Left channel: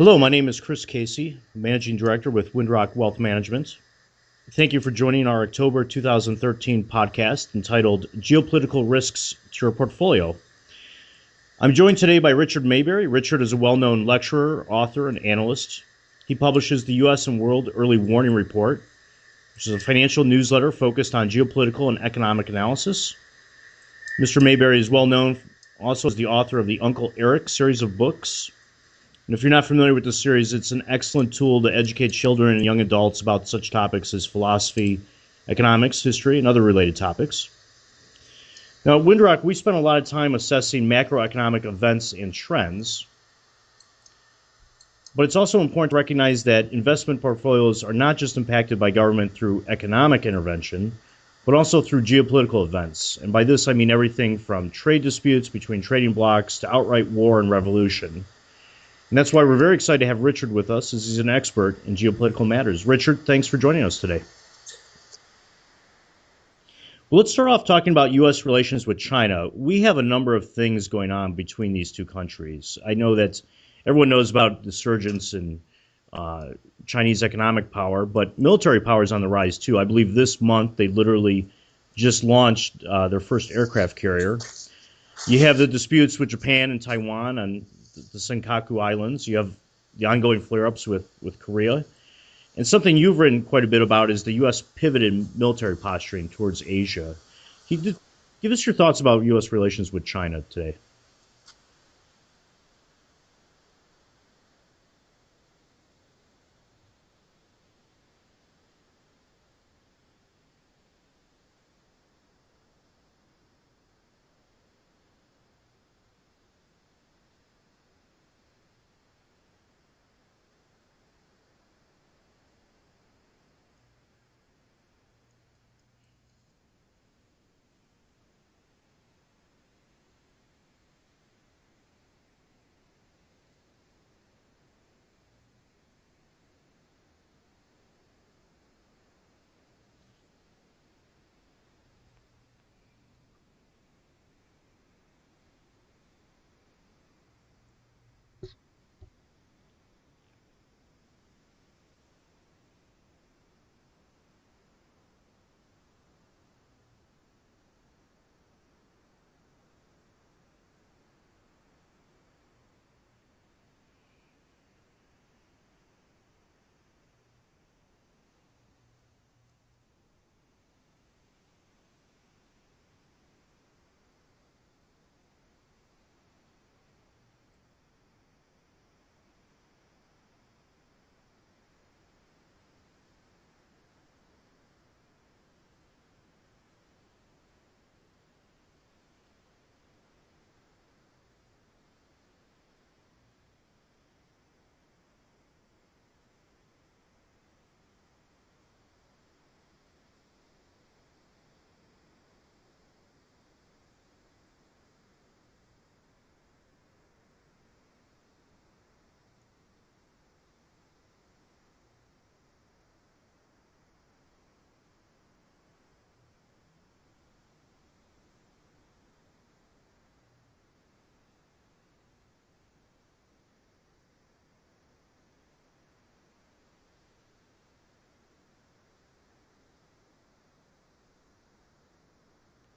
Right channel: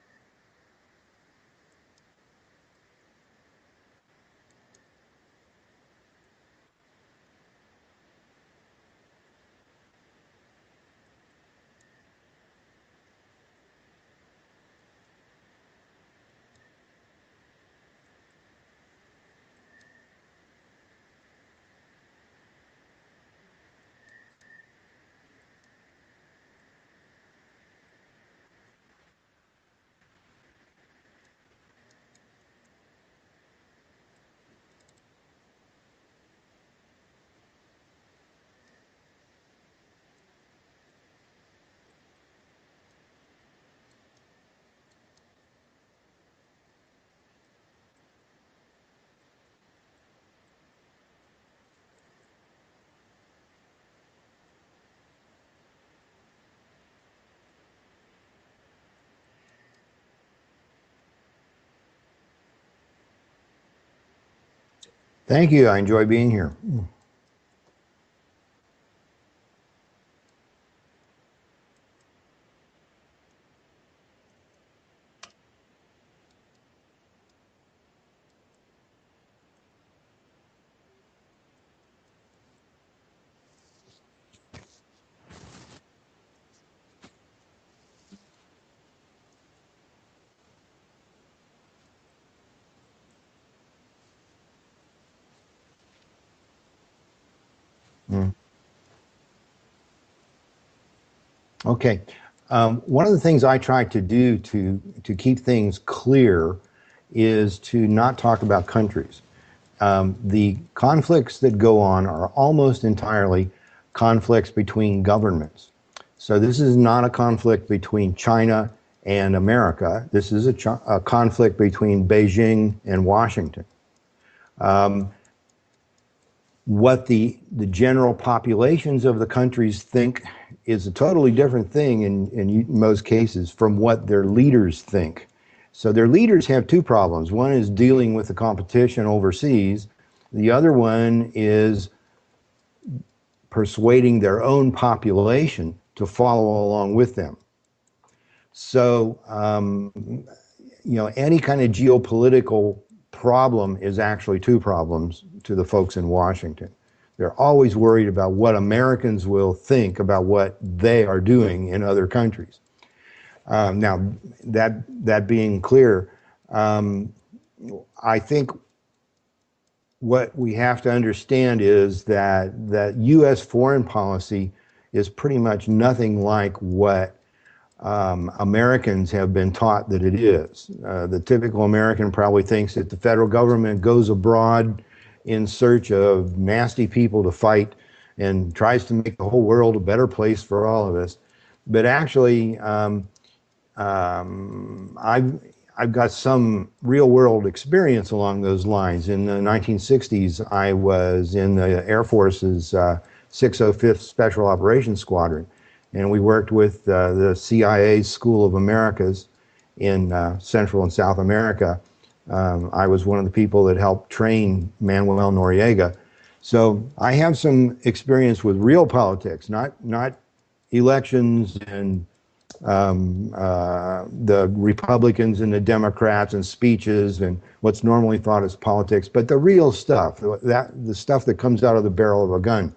Hello, my name is Chris Casey, Managing Director with Windrock Wealth Management. Thank you for joining our October 2013 podcast entitled Geopolitical Risks to Your Portfolio. I'm joined today by Richard Mayberry. Richard is a well-known lecturer, author, and analyst. He publishes the U.S. and World Early Warning Report, which is a financial newsletter focused on geopolitical and economic analysis. Mr. Mayberry is well known also as the author of the Uncle Eric series of books. And if you're not familiar with this series, it's an excellent tool to educate children and young adults about such topics as philosophy, economics, history, and other related topics. Now, at Windrock, we spend a lot of time assessing macroeconomic events and trends, but it's also important to recognize that investment portfolios are not just impacted by government through economic intervention, but also through geopolitical events. And by this, I mean everything from trade disputes between trading blocs to outright war and revolution. And that's why we're very excited to have Richard with us, as he's an expert in geopolitical matters. Richard, thanks for joining us today. Thank you. I enjoy being here. Well, let's start off talking about U.S. relations with China. We have a number of things going on between these two countries. I know that everyone knows about the surgence in Chinese economic power, but military power is on the rise too. I believe this month they literally just launched their first aircraft carrier. You have the disputes with Japan and Taiwan on the Senkaku Islands. You have the ongoing flare-ups with Korea. And something you've written quite a bit about is the U.S. pivot in military posturing towards Asia. Give us your thoughts about U.S. relations with China today. Okay. One of the things I try to do to keep things clear is to not talk about countries. The conflicts that go on are almost entirely conflicts between governments. So this is not a conflict between China and America. This is a conflict between Beijing and Washington. What the general populations of the countries think is a totally different thing in most cases from what their leaders think. So their leaders have two problems. One is dealing with the competition overseas. The other one is persuading their own population to follow along with them. So, any kind of geopolitical problem is actually two problems to the folks in Washington. They're always worried about what Americans will think about what they are doing in other countries. Now, that being clear, I think what we have to understand is that U.S. foreign policy is pretty much nothing like what Americans have been taught that it is. The typical American probably thinks that the federal government goes abroad in search of nasty people to fight and tries to make the whole world a better place for all of us. But actually, I've got some real world experience along those lines. In the 1960s, I was in the Air Force's 605th Special Operations Squadron, and we worked with the CIA's School of Americas in Central and South America. I was one of the people that helped train Manuel Noriega. So I have some experience with real politics, not elections and the Republicans and the Democrats and speeches and what's normally thought as politics, but the real stuff, the stuff that comes out of the barrel of a gun.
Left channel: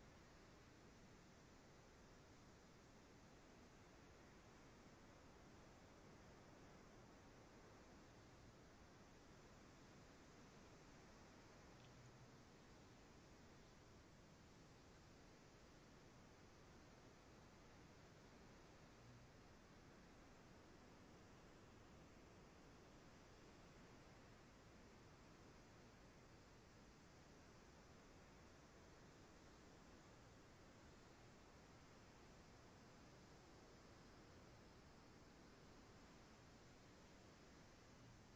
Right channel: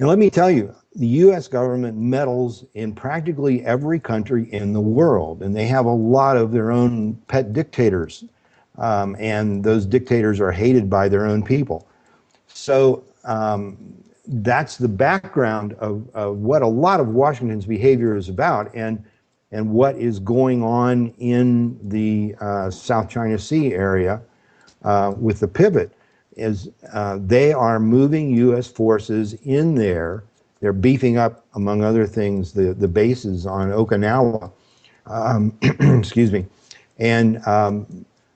And let me tell you, the U.S. government meddles in practically every country in the world, and they have a lot of their own pet dictators, and those dictators are hated by their own people. So that's the background of what a lot of Washington's behavior is about, and what is going on in the South China Sea area with the pivot is they are moving U.S. forces in there. They're beefing up, among other things, the bases on Okinawa, excuse me, and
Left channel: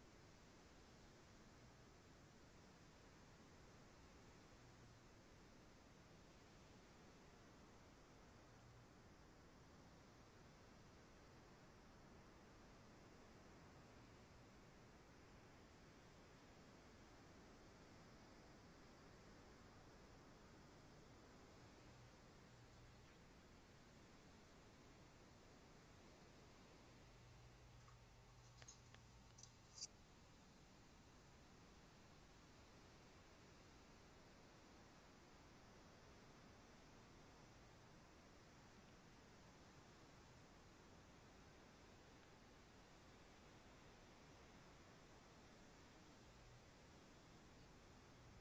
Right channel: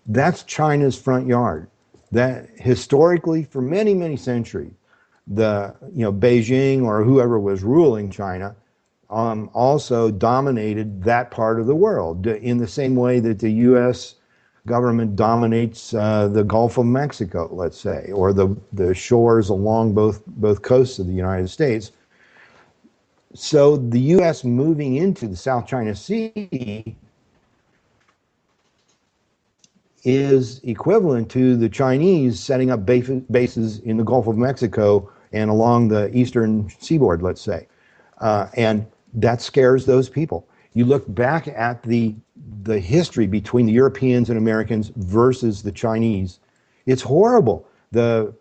that's China's front yard. That historically, for many, many centuries, Beijing or whoever was ruling China also dominated that part of the world in the same way that the U.S. government dominates the Gulf of Mexico, let's say, or the shores along both coasts of the United States. So the U.S. moving into the South China Sea is equivalent to the Chinese setting up bases in the Gulf of Mexico and along the eastern seaboard, let's say. And that scares those people. You look back at the history between the Europeans and Americans versus the Chinese, it's horrible. The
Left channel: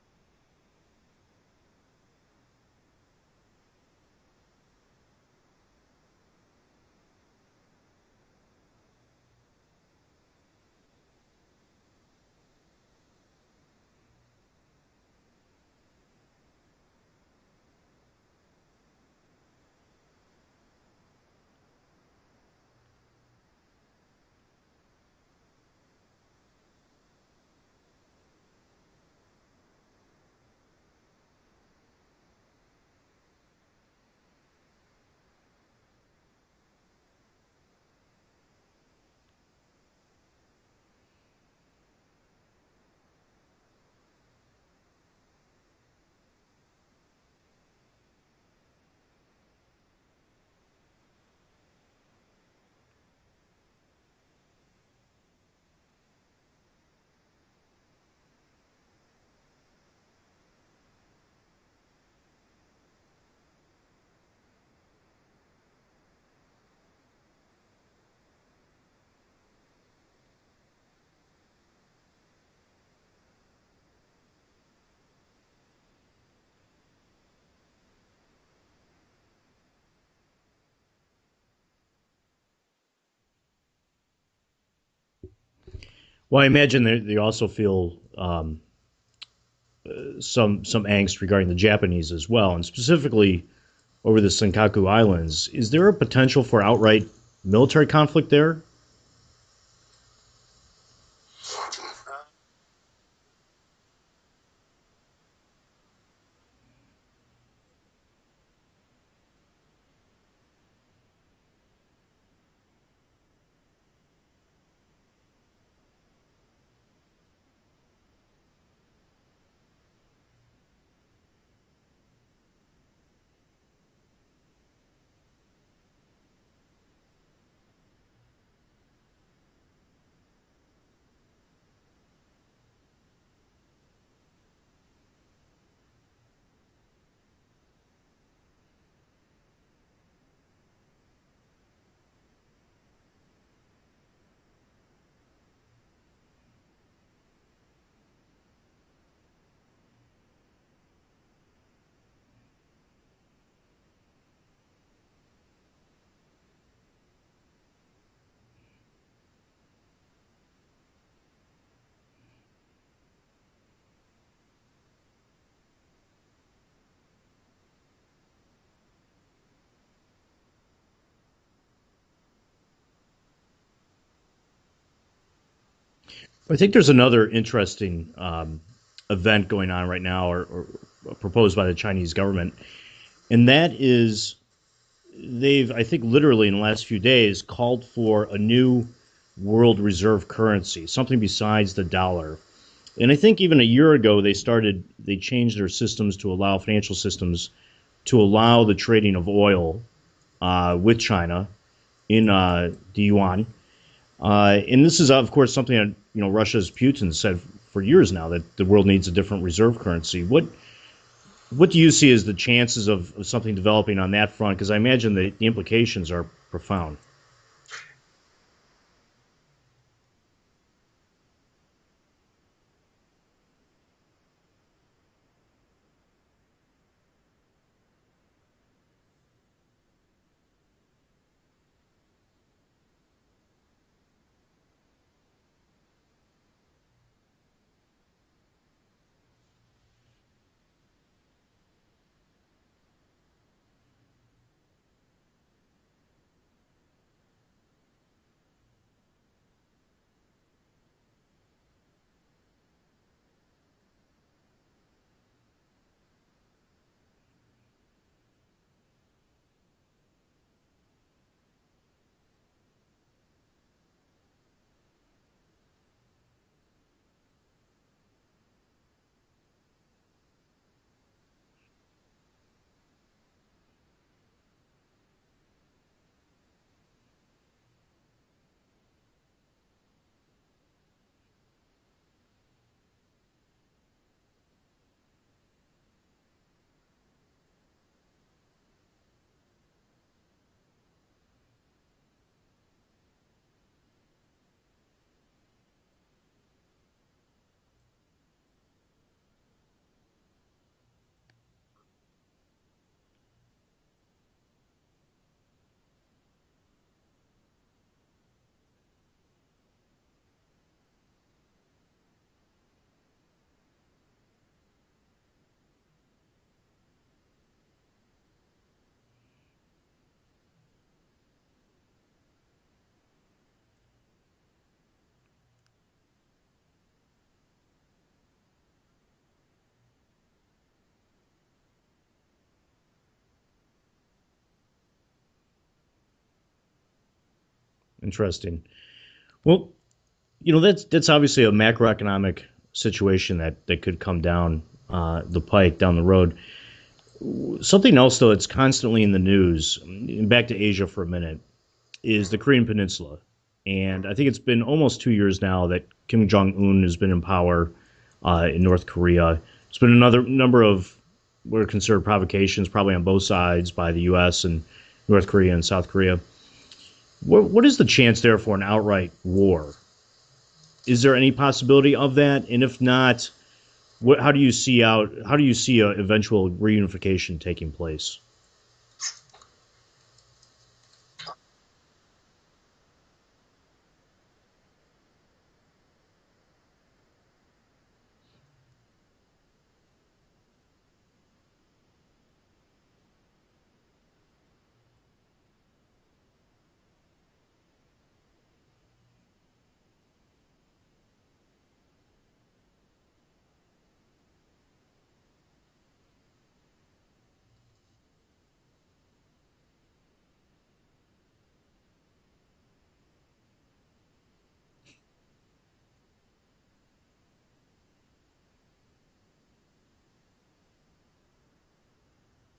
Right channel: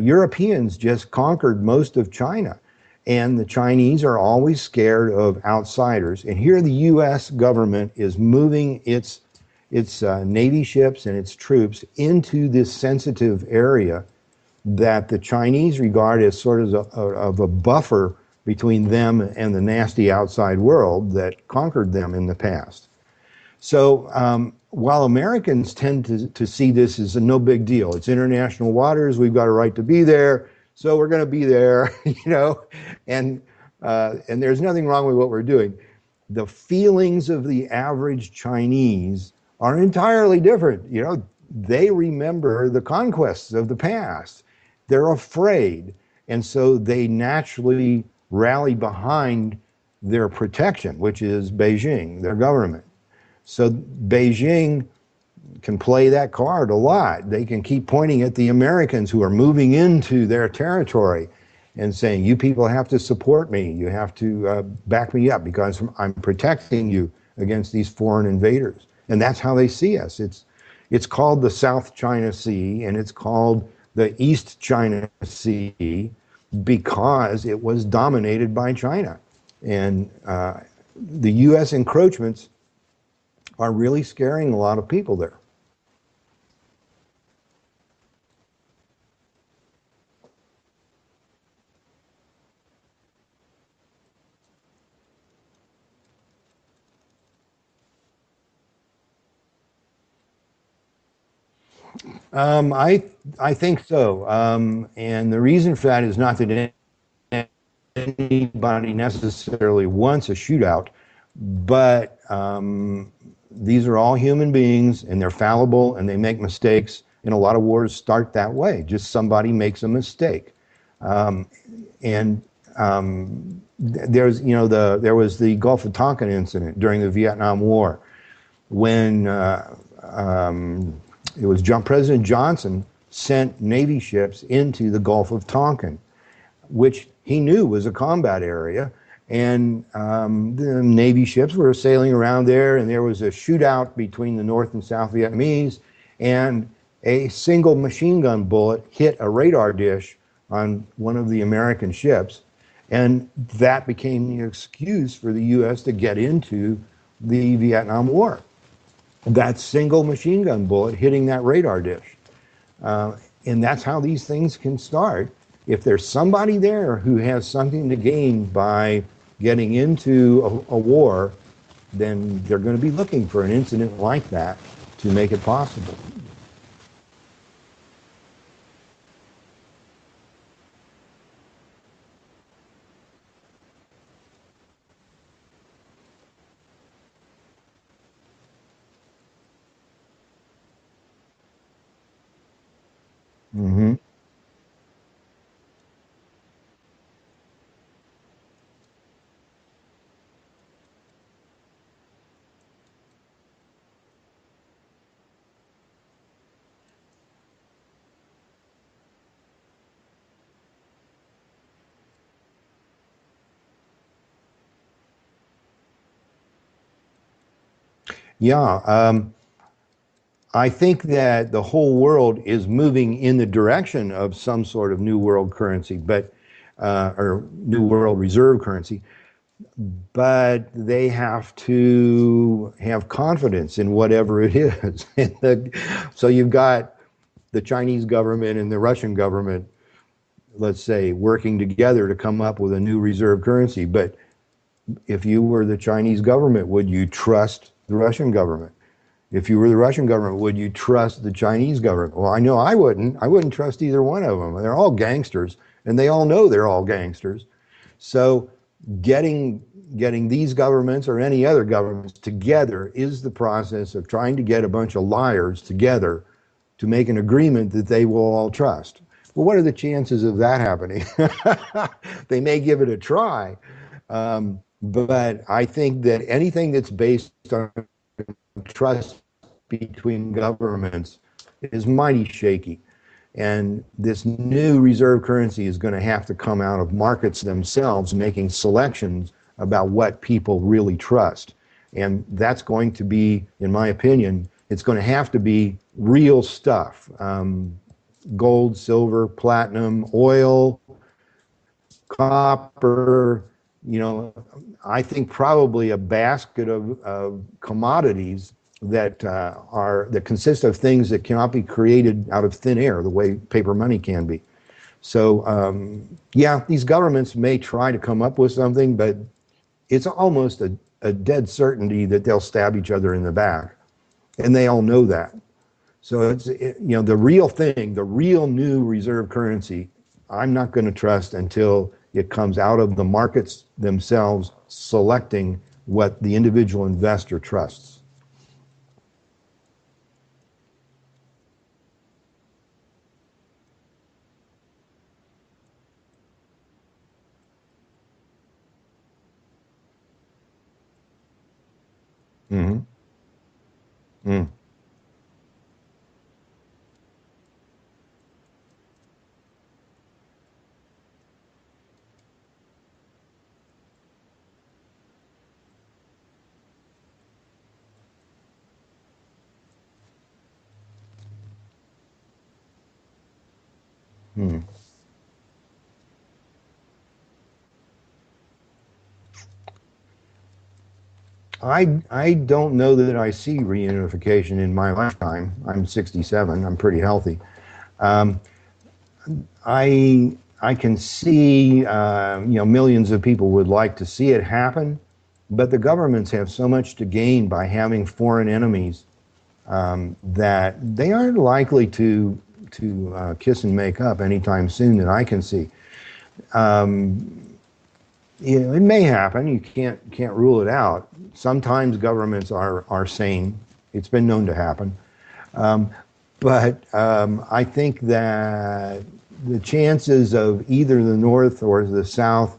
Europeans just conquered most of China, and the Chinese are always scared of outsiders. And here the U.S. government is moving its Navy ships and its troops into this sensitive area that the Chinese regard as sort of a buffer between them and the nasty outside world that conquered them in the past. So while Americans tend to see this as a no big deal, it's international waters, we've got a right to be there, so we're going to be there, and there's nothing wrong with what we're doing. The feelings of the average Chinese are entirely different. They remember the conquests of the past. They're afraid, and so they naturally rally behind their protection, which is Beijing, their government. So Beijing can play that card a lot. They can keep pointing at the Americans who are moving into their territory and saying, you people have to support me. You have to back me up because I'm protecting you against these foreign invaders. And that's how they see us. It's called the South China Sea, and it's called the East China Sea because it was dominated by China. And the U.S. encroachments are really scaring a lot of people there. Well, I imagine they also feel some angst regarding the Japanese as well, and specifically over the Senkaku Islands. Is there a potential for outright military conflict there? I think so. And the reason for that is not that anybody necessarily wants a shootout, but these are all human beings and they're fallible and they make mistakes. And a lot of wars start that way. Just somebody makes a mistake. And there was the Gulf of Tonkin incident during the Vietnam War when it was President Johnson sent Navy ships into the Gulf of Tonkin, which he knew was a combat area. And the Navy ships were sailing around there, and there was a shootout between the North and South Vietnamese, and a single machine gun bullet hit a radar dish on one of the American ships. And that became the excuse for the U.S. to get into the Vietnam War. That single machine gun bullet hitting that radar dish. And that's how these things can start. If there's somebody there who has something to gain by getting into a war, then they're going to be looking for an incident like that to make it possible. I think there's another interesting event going on right now, or proposed by the Chinese government, and that is they've, I think, literally in the last few days, called for a new world reserve currency, something besides the dollar. And I think even a year ago, they changed their systems to allow financial systems to allow the trading of oil with China in the yuan. And this is, of course, something that Russia's Putin said for years now, that the world needs a different reserve currency. What do you see as the chances of something developing on that front? Because I imagine the implications are profound. Yeah, I think that the whole world is moving in the direction of some sort of new world currency, or new world reserve currency. But they have to have confidence in whatever it is. So you've got the Chinese government and the Russian government, let's say, working together to come up with a new reserve currency. But if you were the Chinese government, would you trust the Russian government? If you were the Russian government, would you trust the Chinese government? Well, I know I wouldn't. I wouldn't trust either one of them. They're all gangsters, and they all know they're all gangsters. So getting these governments or any other governments together is the process of trying to get a bunch of liars together to make an agreement that they will all trust. Well, what are the chances of that happening? They may give it a try, but I think that anything that's based on trust between governments is mighty shaky. And this new reserve currency is going to have to come out of markets themselves making selections about what people really trust. And that's going to be, in my opinion, it's going to have to be real stuff. Gold, silver, platinum, oil, copper, you know, I think probably a basket of commodities that that consist of things that cannot be created out of thin air, the way paper money can be. So yeah, these governments may try to come up with something, but it's almost a dead certainty that they'll stab each other in the back, and they all know that. So the real thing, the real new reserve currency, I'm not going to trust until it comes out of the markets themselves selecting what the individual investor trusts. Interesting. Well, that's obviously a macroeconomic situation that could come down the pike down the road. Something else, though, that's constantly in the news, back to Asia for a minute, is the Korean Mm-hmm. Peninsula. And I think it's been almost 2 years now that Kim Jong Un has been in power in North Korea. There's been another number of what are considered provocations, probably on both sides, by the U.S. and North Korea and South Korea. What is the chance there for an outright war? Is there any possibility of that? And if not, how do you Mm-hmm. see a eventual reunification taking place? I don't know that I see reunification in my lifetime. I'm 67. I'm pretty healthy. Um, I can see millions of people would like to see it happen, but the governments have so much to gain by having foreign enemies that they aren't likely to kiss and make up anytime soon that I can see. Um, it may happen. You can't rule it out. Sometimes governments are sane. It's been known to happen. Um, but I think that the chances of either the North or the South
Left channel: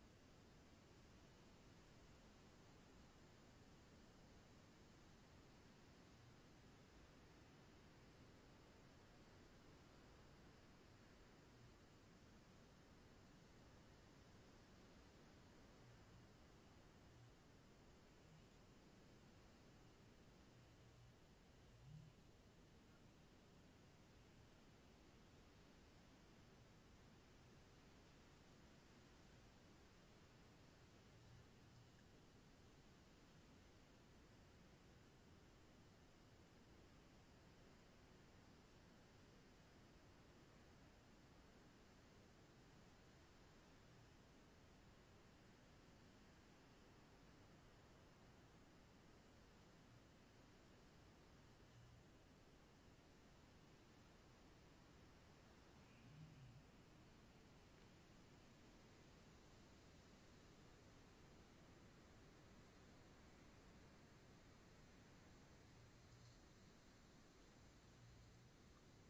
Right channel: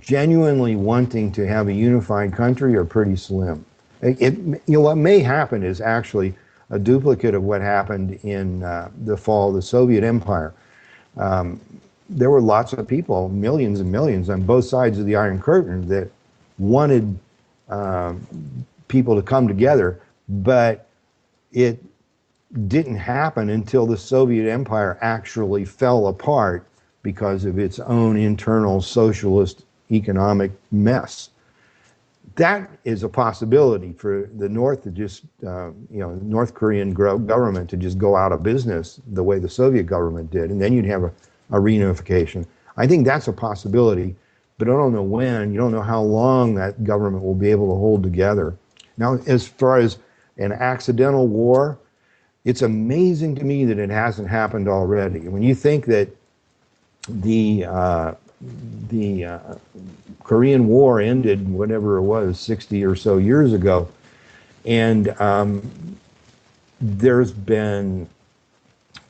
genuinely wanting to have a unified country are pretty slim. What may happen is actually a duplicate of what happened in the fall of the Soviet Empire. Um, there were lots of people, millions and millions, on both sides of the Iron Curtain that wanted uh, people to come together, but it didn't happen until the Soviet Empire actually fell apart because of its own internal socialist economic mess. That is a possibility for the North to just, North Korean government to just go out of business the way the Soviet government did, and then you'd have a reunification. I think that's a possibility, but I don't know when. You don't know how long that government will be able to hold together. Now, as far as an accidental war, it's amazing to me that it hasn't happened already. When you think that the Korean War ended, whatever it was, 60 or so years ago, and there's been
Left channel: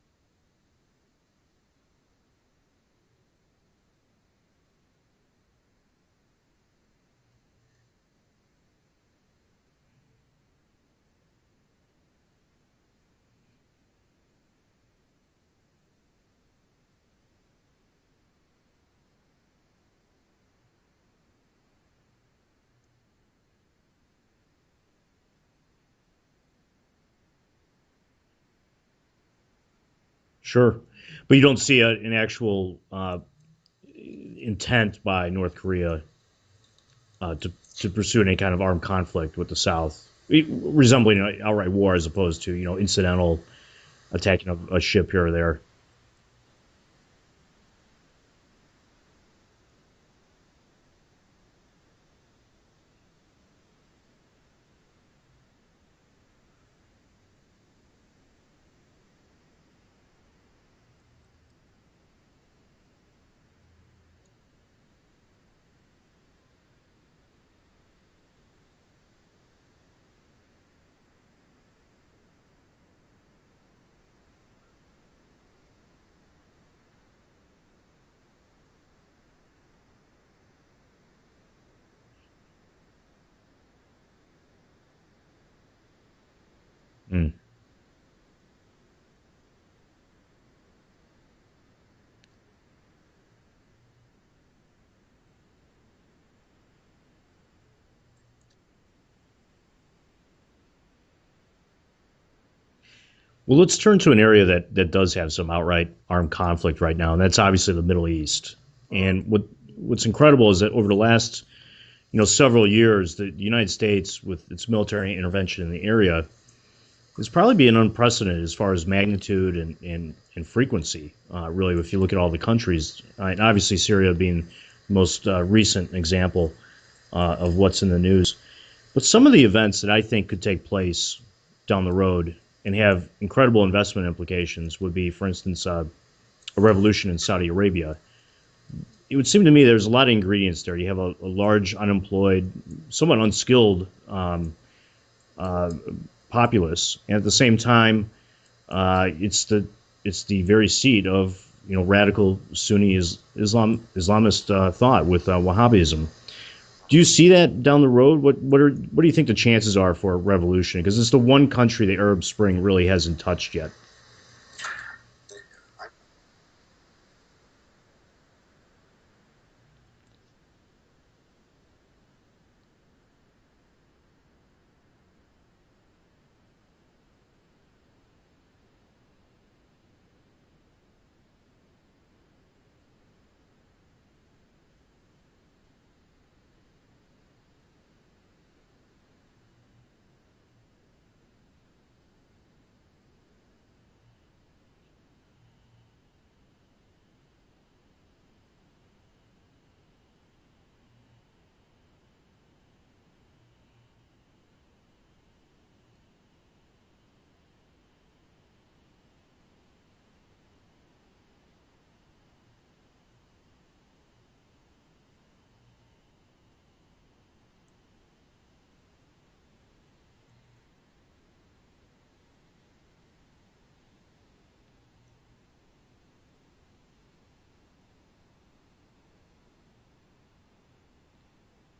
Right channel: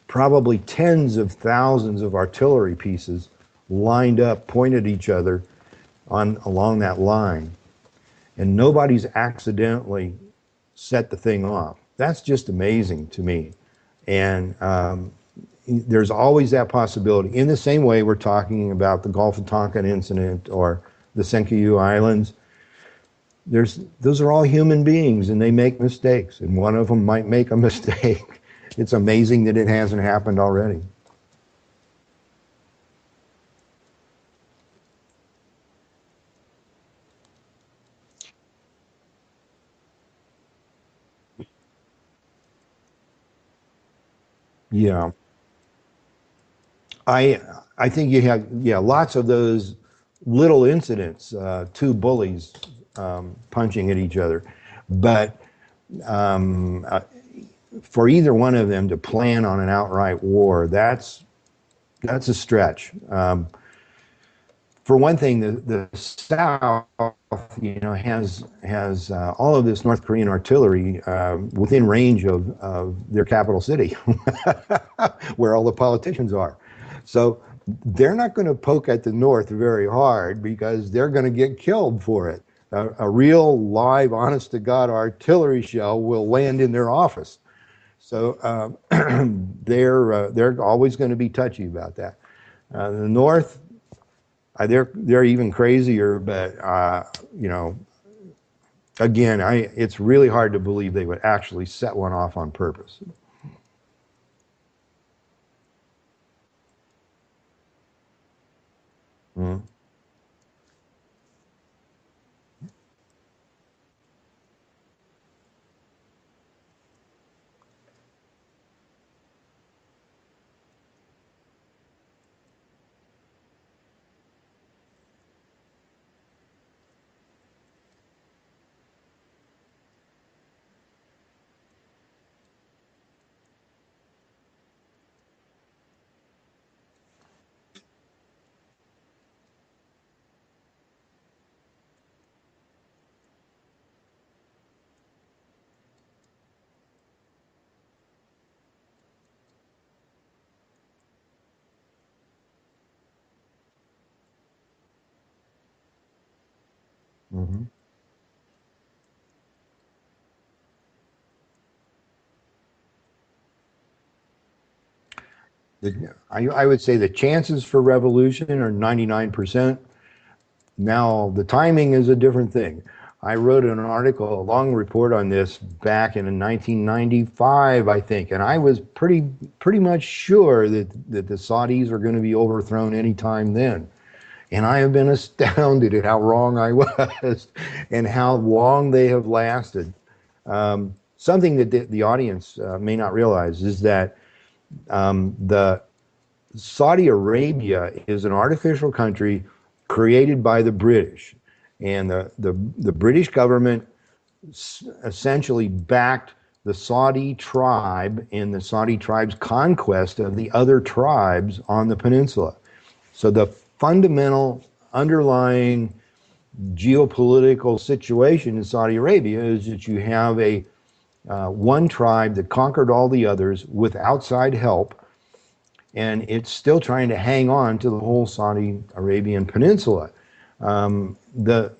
probably tens of thousands of artillery pieces lined up, pointed at each other along that line, and nobody's accidentally set the thing off. That's just amazing to me. And there's always that possibility. In the same way we're talking about the Gulf of Tonkin incident or the Senkaku Islands, those are all human beings and they make mistakes, and one of them might make a mistake. It's amazing that it hasn't happened Sure, already. but you don't see an actual intent by North Korea to pursue any kind of armed conflict with the South, resembling an outright war as opposed to incidental attacking a Yeah, ship here or there. I I think you have, yeah, lots of those little incidents, two bullies punching at each other, but um, uh, for either one of them to plan on an outright war, that's a stretch. For one thing, the South, has all of this North Korean artillery within range of their capital city, where all the politicians are. So they're not going to poke at the North very hard because they're going to get killed for it. A real live, honest to God artillery shell will land in their Mm. office. So they're always going to be touchy about that. The North, they're even crazier, but you know, again, it's really hard to believe they would actually set one off on purpose. Well, let's turn to an area that does have some outright armed conflict right now, and that's obviously the Middle East. And Mhm. what's incredible is that over the last several years, the United States, with its military intervention in the area, is probably being unprecedented as far as magnitude and frequency. Really, if you look at all the countries, and obviously Syria being the most recent example of what's in the news. But some of the events that I think could take place down the road and have incredible investment implications would be, for instance, a revolution in Saudi Arabia. It would seem to me there's a lot of ingredients there. You have a large, unemployed, somewhat unskilled uh, populace, and at the same time, it's the very seat of radical Sunni Islamist thought with Wahhabism. Do you see that Mhm. down the road? What do you think the chances are for a revolution? Because it's the one country the Arab Spring really hasn't touched yet. I would say the chances for revolution are 99%. Now, the timing is a different thing. I wrote an article, a long report on this back in 1995, I think, and I was pretty much sure that the Saudis are going to be overthrown anytime then. And I have been astounded at how wrong I was and how long they have lasted. Something that the audience may not realize is that the Saudi Arabia is an artificial country created by the British. And the British government essentially backed the Saudi tribe in the Saudi tribe's conquest of the other tribes on the peninsula. So the fundamental underlying geopolitical situation in Saudi Arabia is that you have a one tribe that conquered all the others with outside help, and it's still trying to hang on to the whole Saudi Arabian peninsula. The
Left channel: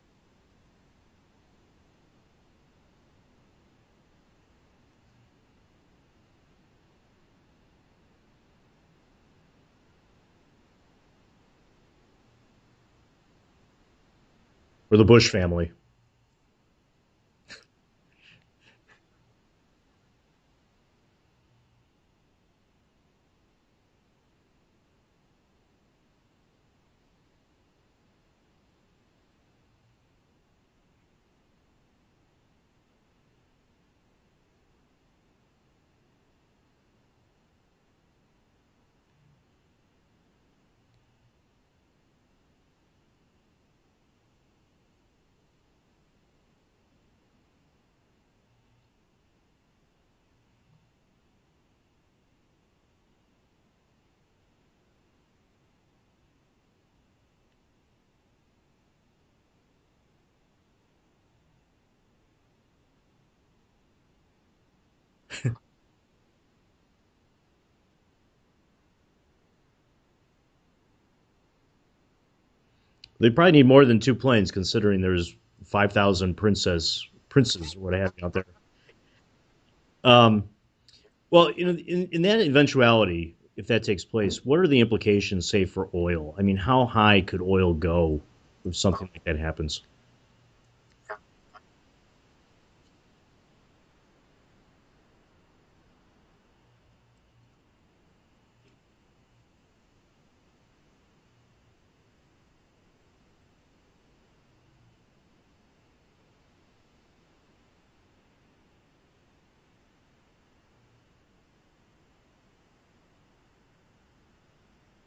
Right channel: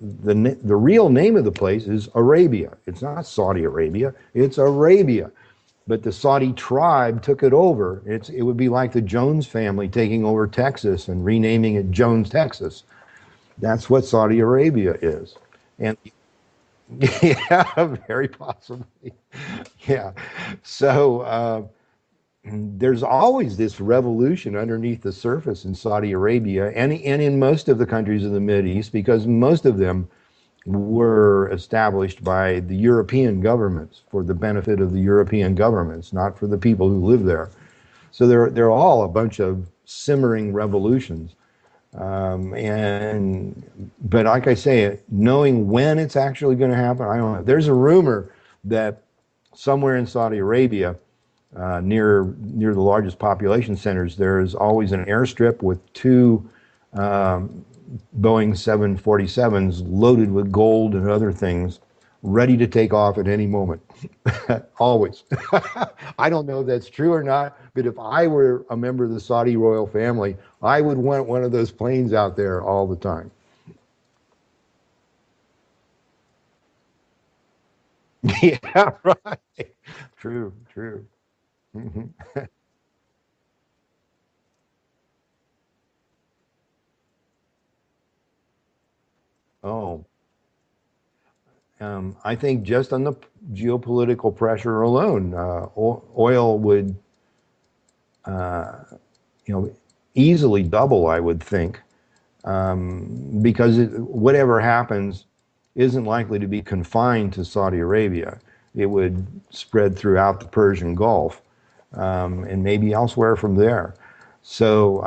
real name of the place is Arabia. It's not Saudi Arabia. It's Arabia. But the Saudi tribe took it over. It would be like the Jones family taking over Texas and renaming it Jones, Texas. That's what Saudi Arabia Or the Bush is. family. And yeah, very possibly. Yeah. So there's always this revolution underneath the surface in Saudi Arabia and in most of the countries of the Middle East, because most of them were established by the European governments for the benefit of the European governments, not for the people who live there. So they're all a bunch of simmering revolutions. But like I say, knowing when it's actually going to happen, I don't know. There's a rumor that somewhere in Saudi Arabia, near the largest population centers, there is always an airstrip with two um, Boeing 747s loaded with gold and other things, ready to take off at any moment. Always. I don't know if that's true or not, but if I were a member of the Saudi royal family, I would want one of those planes out there all the They time. probably need more than two planes, considering there's 5,000 princes or what have you out there. Yeah, right. Um, True, true. well, Hmm. in that eventuality, if that takes place, what are the implications, say, for oil? I mean, how high could oil go if something like that happens? Oh, I think just on the geopolitical pressure alone, oil would, uh, easily double, I would think, because whatever happens isn't likely to be confined to Saudi Arabia. It would spread throughout the Persian Gulf, and maybe elsewhere from there. So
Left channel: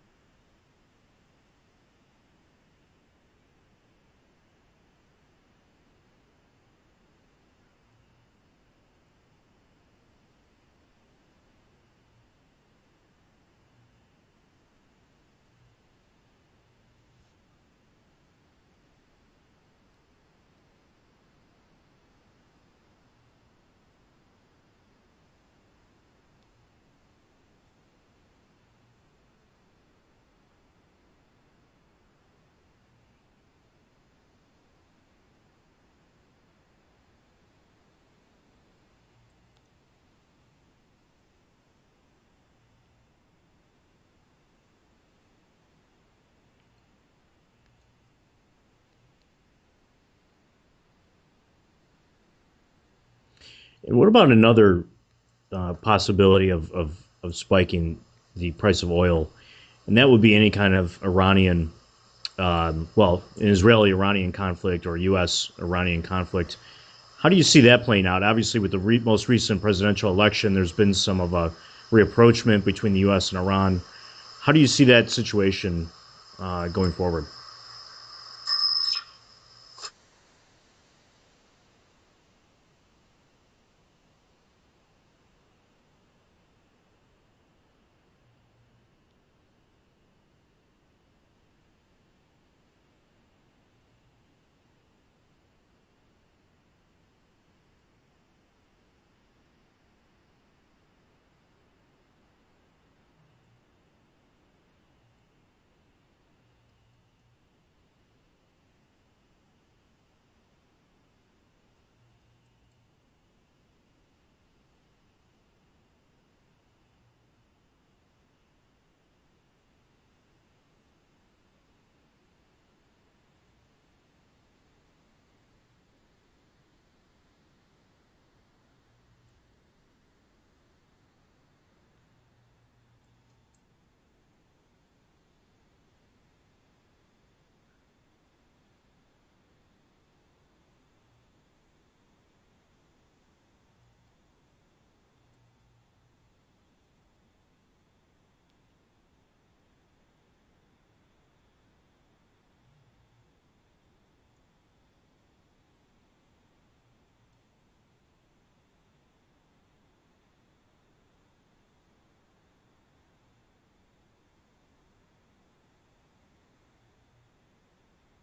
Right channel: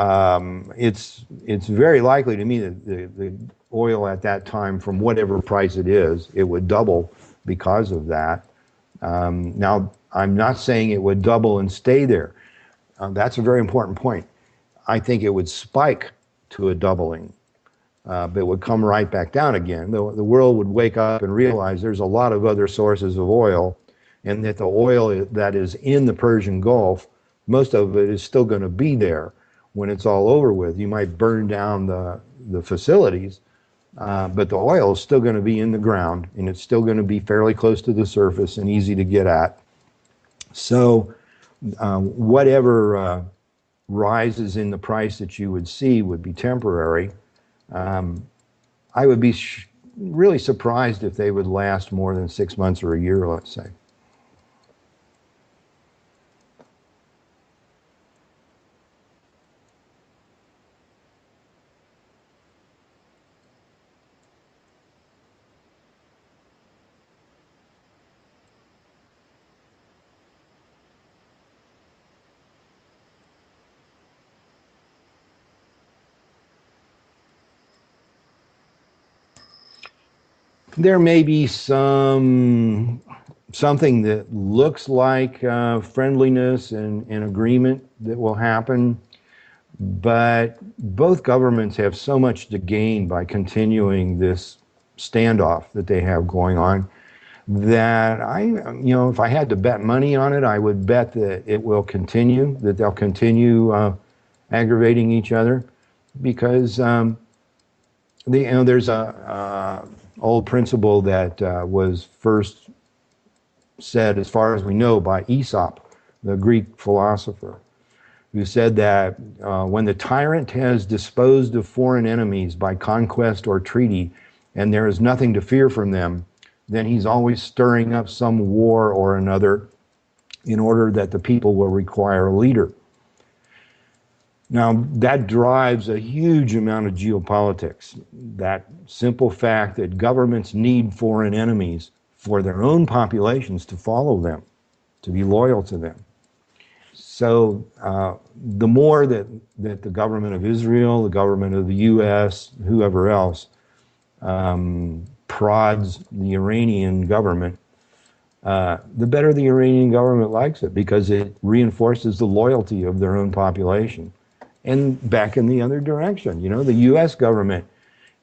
it's very likely to me that the oil at that time, from whatever price it would double because of that. Now, I'm not saying it would double and stay there. That's a very important point. I think it would spike to a doubling, but it would come right back down again. The world would wake up and realize there's a lot of other sources of oil, and that the oil that is in the Persian Gulf, most of it is still going to be there when it's all over with. You might burn down the facilities, But the oil is still going to be in the ground, and it's still going to be fairly close to the surface and easy to get at. So whatever rises in the price that you would see would be temporary. I would be really surprised if they would last more than 6 months or a year, let's say. And what about another possibility of spiking the price of oil? And that would be any kind of Iranian, well, an Israeli-Iranian conflict or U.S.-Iranian conflict. How do you see that playing out? Obviously, with the most recent presidential election, there's been some of a reapproachment between the U.S. and Iran. How do you see that situation going forward? There may be something that looks like friendliness and agreement that will happen, but both governments have so much to gain by continuing this standoff that they have going on that if I had to bet money on it, I would bet that it will continue, that they'll continue aggravating each other, because there's a old principle that was first said, as far as we know, by Aesop, the Greek philosopher, who said that when the tyrant has disposed of foreign enemies by conquest or treaty, and there is nothing to fear from them, then he's always stirring up some war or another in order that the people will require a leader. Now, that drives a huge amount of geopolitics. That simple fact that governments need foreign enemies for their own populations to follow them, to be loyal to them. So the more that the government of Israel, the government of the U.S., whoever else, prods the Iranian government, the better the Iranian government likes it, because it reinforces the loyalty of their own population. And back in the other direction, the U.S. government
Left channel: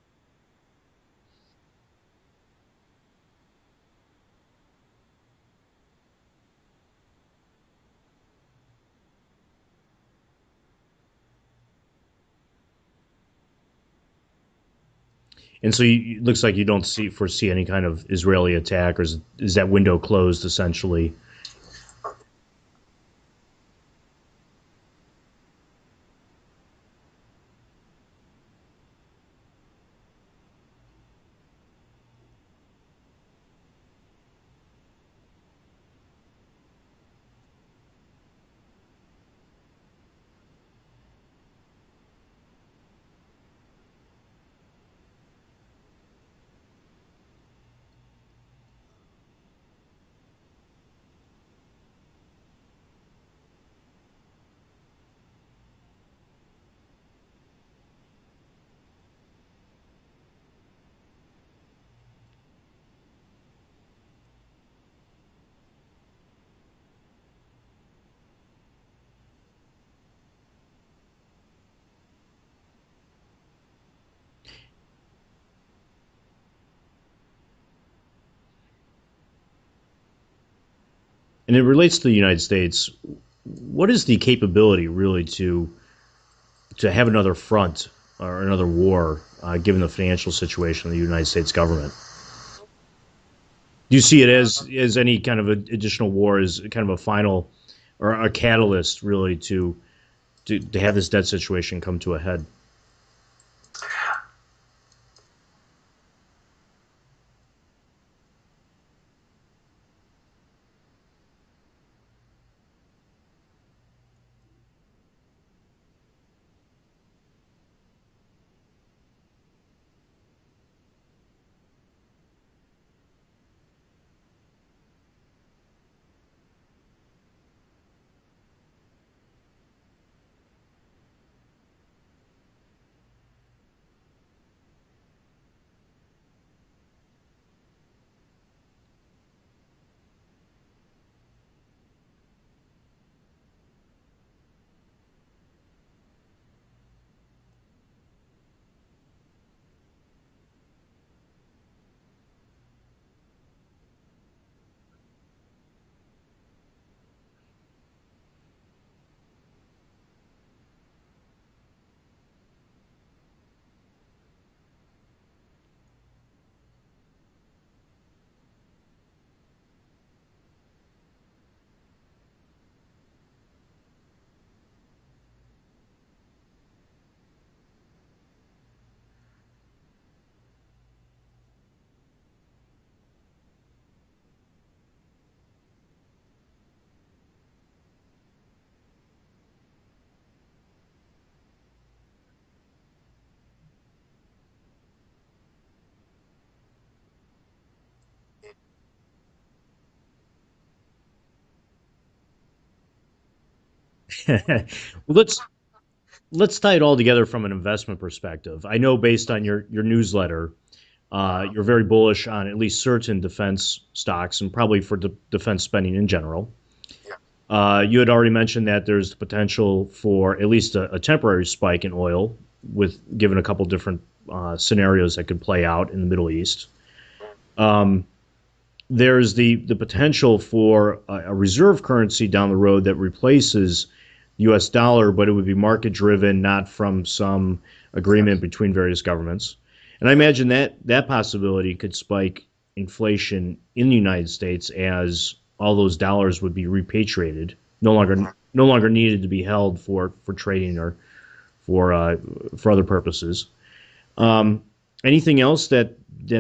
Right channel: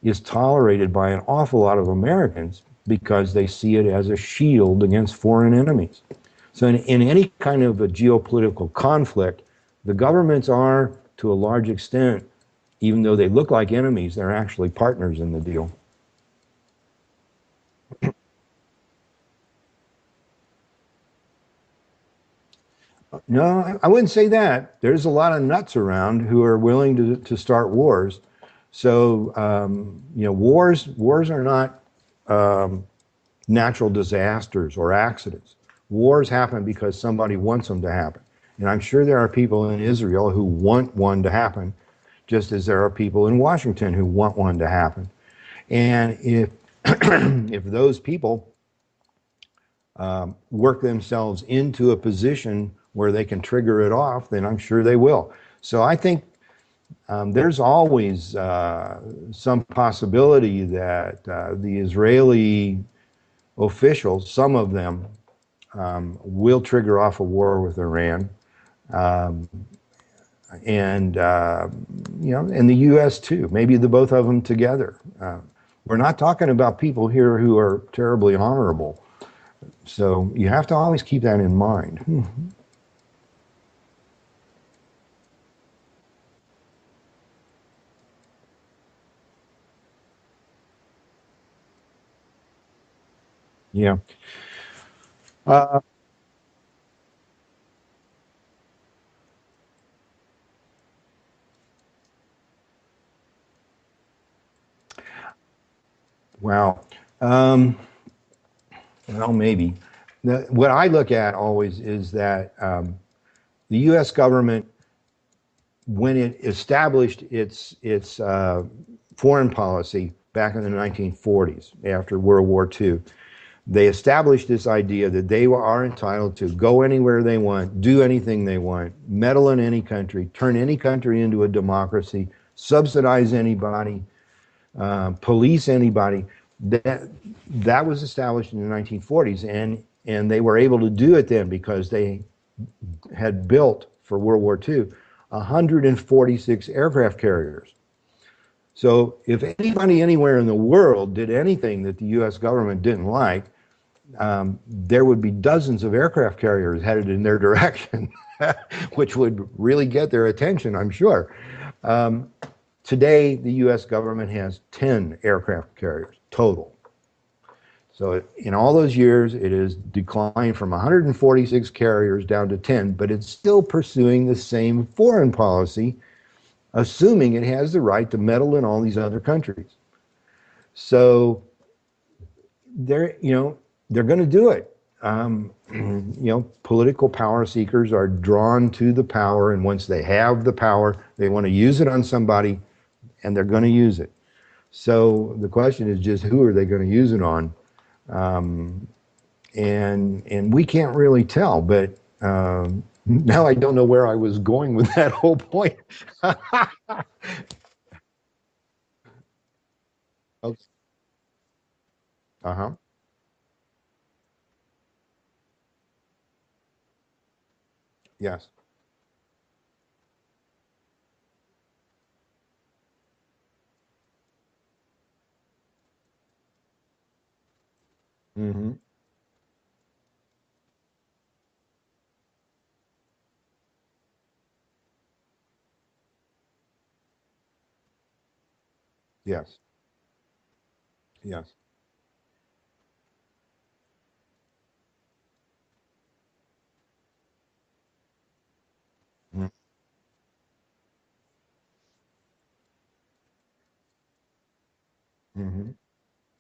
is tolerated by an awful lot of Americans because they see it as a shield against foreign enemies. So in any kind of a geopolitical conflict, the governments are, to a large extent, even though they look like enemies, they're actually partners in the deal. And so it looks like you don't foresee any kind of Israeli attack, or is that window closed essentially? No, I wouldn't say that. There's a lot of nuts around who are willing to start wars. So, wars are not natural disasters or accidents. Wars happen because somebody wants them to happen. And I'm sure there are people in Israel who want one to happen, just as there are people in Washington who want one to happen. And if if those people work themselves into a position where they can trigger it off, then I'm sure they will. So I think there's always some possibility that the Israeli officials, some of them, will trigger off a war with Iran, and the U.S. too. Maybe the both of them together. We're not talking about people here who are terribly honorable. So you have to always keep that in mind. And it relates to the United States. What is the capability really to have another front or another war, given the financial situation of the United States government? Yeah. Do you see it as any kind of additional war as kind of a final or a catalyst really to have this debt situation come to a head? Wow. Well, maybe. What I look at always is that the U.S. government, when it established its foreign policy back in the 1940s, after World War II, they established this idea that they are entitled to go anywhere they want, do anything they want, meddle in any country, turn any country into a democracy, subsidize anybody, police anybody. That was established in the 1940s, and they were able to do it then because they had built, for World War II, 146 aircraft carriers. So if anybody anywhere in the world did anything that the U.S. government didn't like, there would be dozens of aircraft carriers headed in their direction, which would really get their attention, I'm sure. Today, the U.S. government has 10 aircraft carriers total. So in all those years, it has declined from 146 carriers down to 10, but it's still pursuing the same foreign policy, assuming it has the right to meddle in all these other countries. So they're going to do it. Political power seekers are drawn to the power, and once they have the power, they want to use it on somebody, and they're going to use it. So the question is just who are they going to use it on? And we can't really tell, but now I don't know where I was going with that whole point. Let's tie it all together from an investment perspective. I know based on your newsletter, you're very bullish on at least certain defense stocks and probably for defense spending in general. You had already mentioned that there's the potential for at least a temporary spike in oil, with given a couple different scenarios that could play out in the Middle East. There's the potential for a reserve currency down the road that replaces the U.S. dollar, but it would be market driven, not from some agreement between various governments. And I imagine that possibility could spike inflation in the United States as all those dollars would be repatriated, no longer needed to be held for trading or for other purposes. Anything else that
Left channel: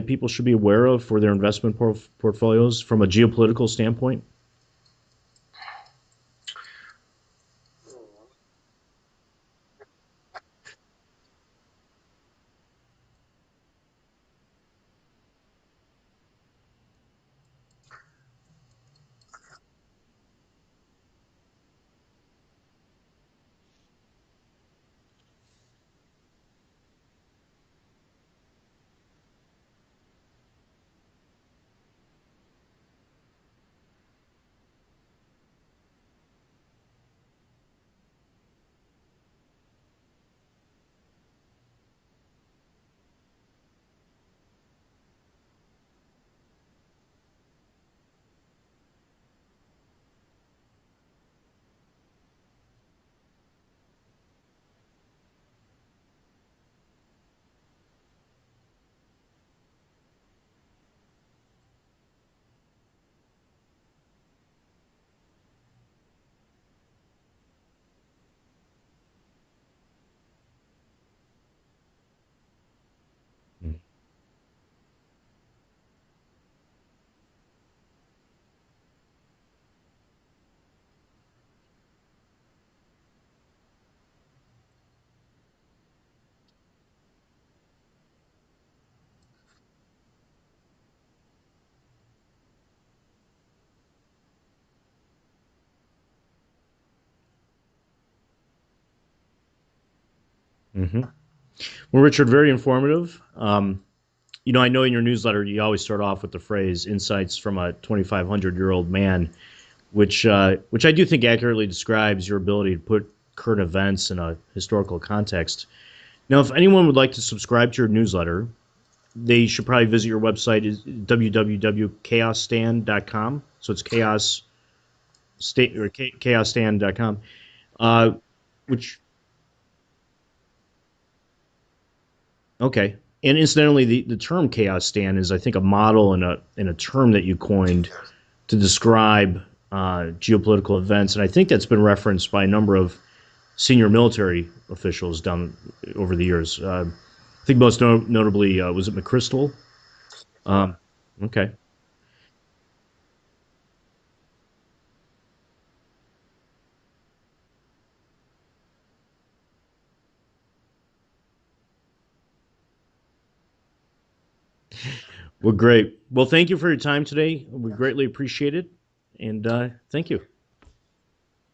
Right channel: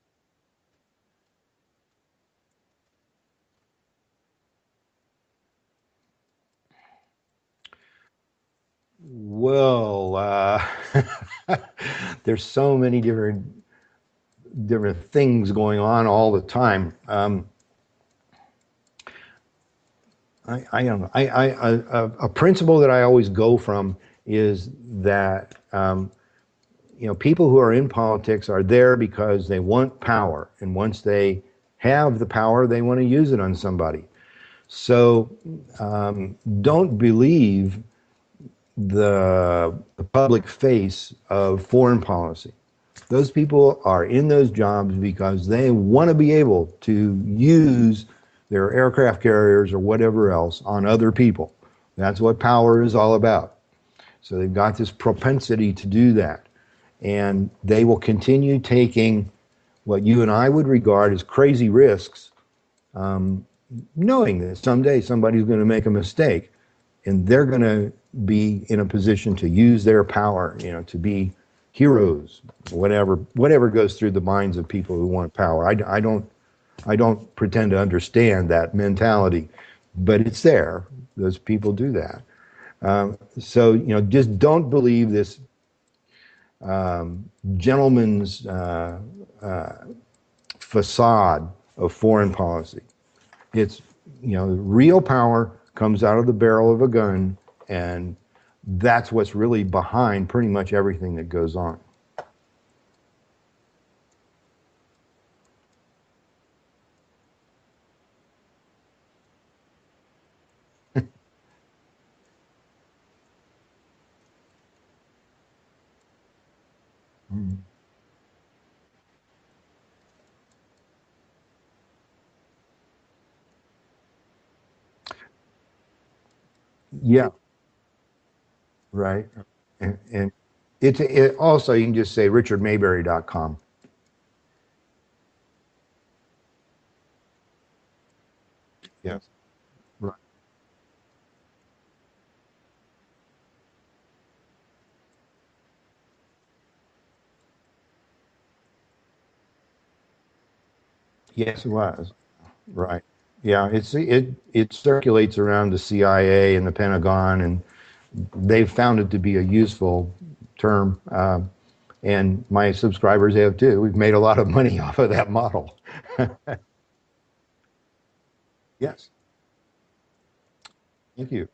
people should be aware of for their investment portfolios from a geopolitical standpoint? Well, there's so many different things going on all the time. I don't know. A principle that I always go from is that people who are in politics are there because they want power, and once they have the power, they want to use it on somebody. So don't believe the public face of foreign policy. Those people are in those jobs because they want to be able to use their aircraft carriers or whatever else on other people. That's what power is all about. So they've got this propensity to do that. And they will continue taking what you and I would regard as crazy risks, knowing that someday somebody's going to make a mistake, and they're going to be in a position to use their power, to be heroes, whatever goes through the minds of people who want power. I don't pretend to understand that mentality, but it's there. Those people do that. So just don't believe this gentleman's facade of foreign policy. It's real power comes out of the barrel of a gun, and that's what's really behind pretty much everything that goes on. Well, Richard, very informative. I know in your newsletter you always start off with the phrase "insights from a 2,500-year-old man," which I do think accurately describes your ability to put current events in a historical context. Now, if anyone would like to subscribe to your newsletter, they should probably visit your website, is www.chaosstand.com. So it's chaosstand.com. Yeah. Which right. And it also, you can just say richardmayberry.com. And incidentally, the term chaos stand is, I think, a model and a term that you coined to describe geopolitical events. And I think that's been referenced by a number of senior military officials down over the years. I think most notably, was it McChrystal? Okay. Yes, it was. Right. Yeah, it circulates around the CIA and the Pentagon, and they've found it to be a useful term. And my subscribers have too. We've made a lot of money off of that model. Well, great. Well, thank you for your time today. We greatly appreciate it. Yes. And thank you. Thank you.